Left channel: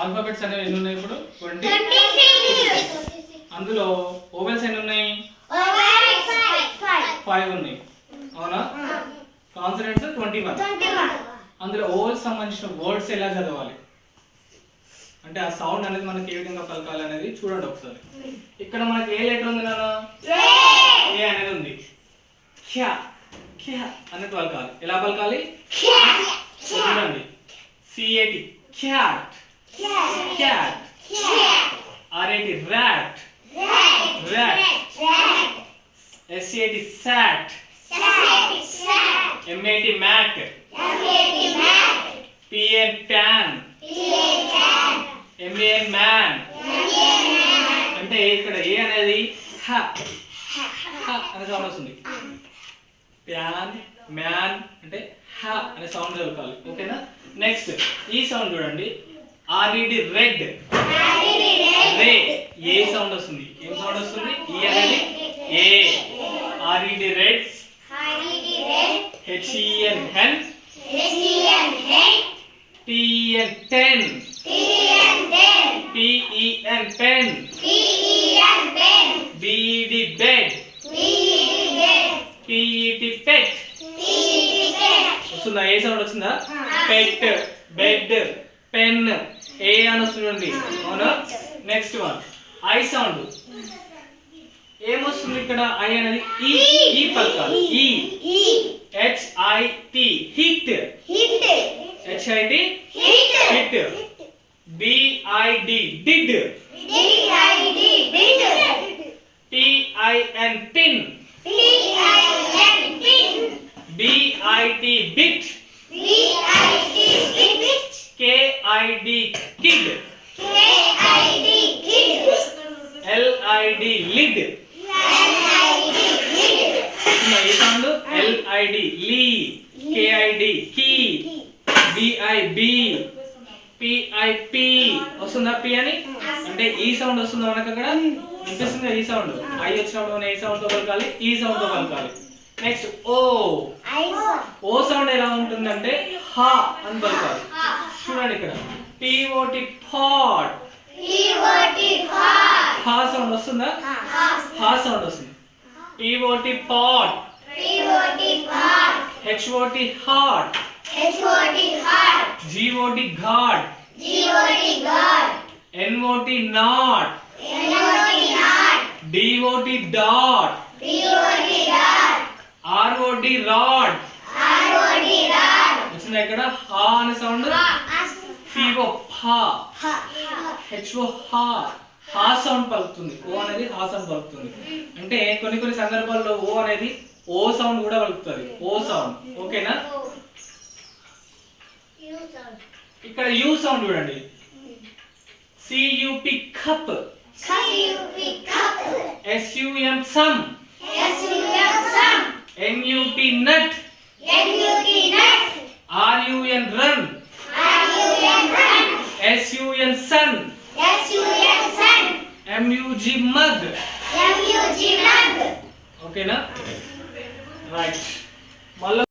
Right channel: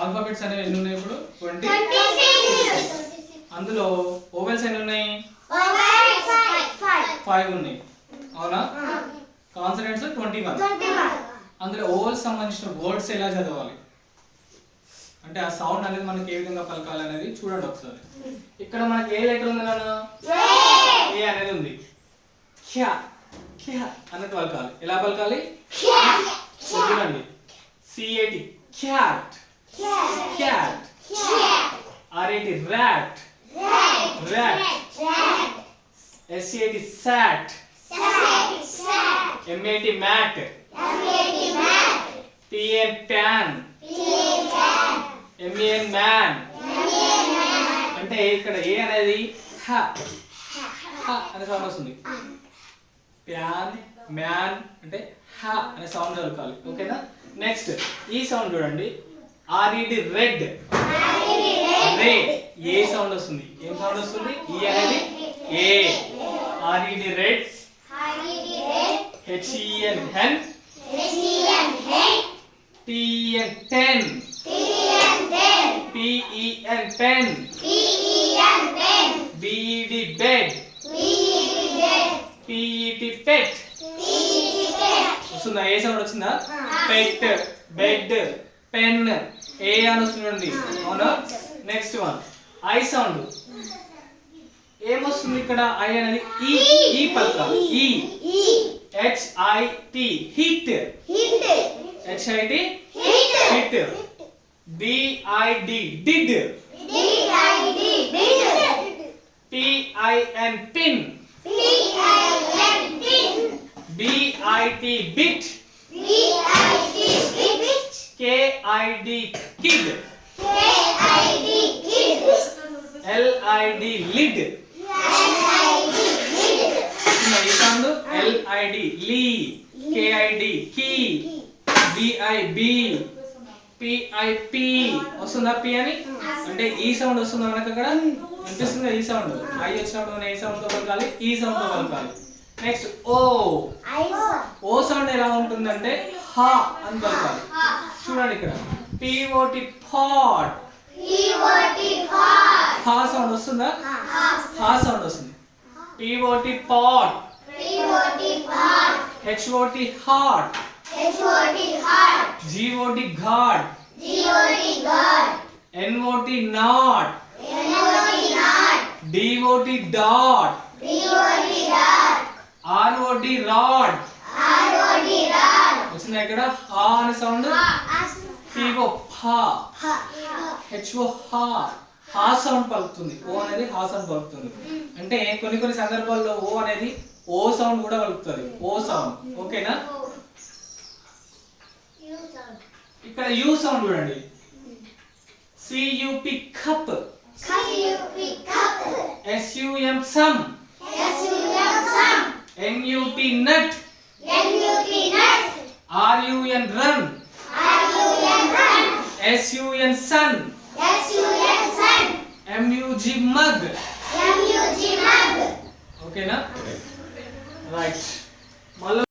Alphabets అనేవి ఎన్ని ఉన్నాయి ఇప్పుడు 20. అందులో ఓవెల్స్ ఎన్ని ఉన్నాయి 5 ఉన్నాయి అవునా. కాన్సనెంట్స్ 21. అందులో ఓవెల్స్ సంబంధించిన వర్డ్స్ ఎలా చదవాలి అంటే ఆ సౌండ్ అనేది మనకి ఏ విధంగా పలకాలి అనేది చూడండి ఒకసారి. ఇక్కడ మనకి ఏ లెటర్ ఉంది నాన్న ఏ అనేది ఉంది. ఖ్యా ఖ్యా అనేది పలకాలి. ఎలా పలకాలి చూడండి. CAT cat cat. RAT rat rat. SAT sat MAT mat PN pan MAN man. అంటే ఇక్కడ ఏ అనేది హ హ అనే సౌండ్ వస్తుంది. ప్యాన్ మ్యాన్ అంటే హ అనే సౌండ్ చదువుకోవాలి ఓకేనా. నెక్స్ట్ ఈ సౌండ్ చూడండి. RED రెడ్ రే ఏ సౌండ్ వస్తుంది. ఏం సౌండ్ వస్తుంది ఈ అనేది ఏ. RED red. HEN hen. TEN ten. PEN pen. BED bed. PET pet. వస్తుందా ఏ సౌండ్ వచ్చిందా. పెట్ బెడ్ పెన్ ఏ అని వస్తుంది అవునా. Next one I sound. ఏమొస్తుంది ఇక్కడ ఐ అనేది ఈ ఈ పలకాలి. ఈ HIT hit HIT hit. BID did. PIN pin. BIT bit. KID kid. LID lid. ఈ సౌండ్ LID లీ. KID key. BIB PIP వస్తుందా పి అని అంటే ఈ సౌండ్ వస్తుందా మనకు అక్కడ వినిపిస్తుంది. ఈ సౌండ్ ఐ వచ్చినప్పుడు మనం ఏ సౌండ్ తో పలకాలి ఈ సౌండ్ తో పలకాలి. నెక్స్ట్ ఓ ఓ సౌండ్ ఎలా ఉంటుందంటే హ అని పలకాలి. చూడండి ఇక్కడ POT పాట్. హ సౌండ్ వస్తుందా హ సౌండ్ వస్తుంది. POT pot. HOT heart. GOT God. NOT not. DOT dot. ROD rod. వచ్చిందా ఇక్కడ హా అనే సౌండ్. PO ఫా. HO హా హా సౌండ్ పలుకుతుంది. ఓ అనేది హా సౌండ్ పలుకుతుంది. అంటే కొన్ని సందర్భాల్లో ఓ అనేది ఓ సౌండ్ కూడా పలుకుతుంది. ఓ సౌండ్ ఓకేనా. ఇక్కడ యు సౌండ్ చూడండి. CUP cup. SUM sum. NUT nut. RUN run. SUN sun. MUG mug. ఓకేనా రైట్. మళ్ళీ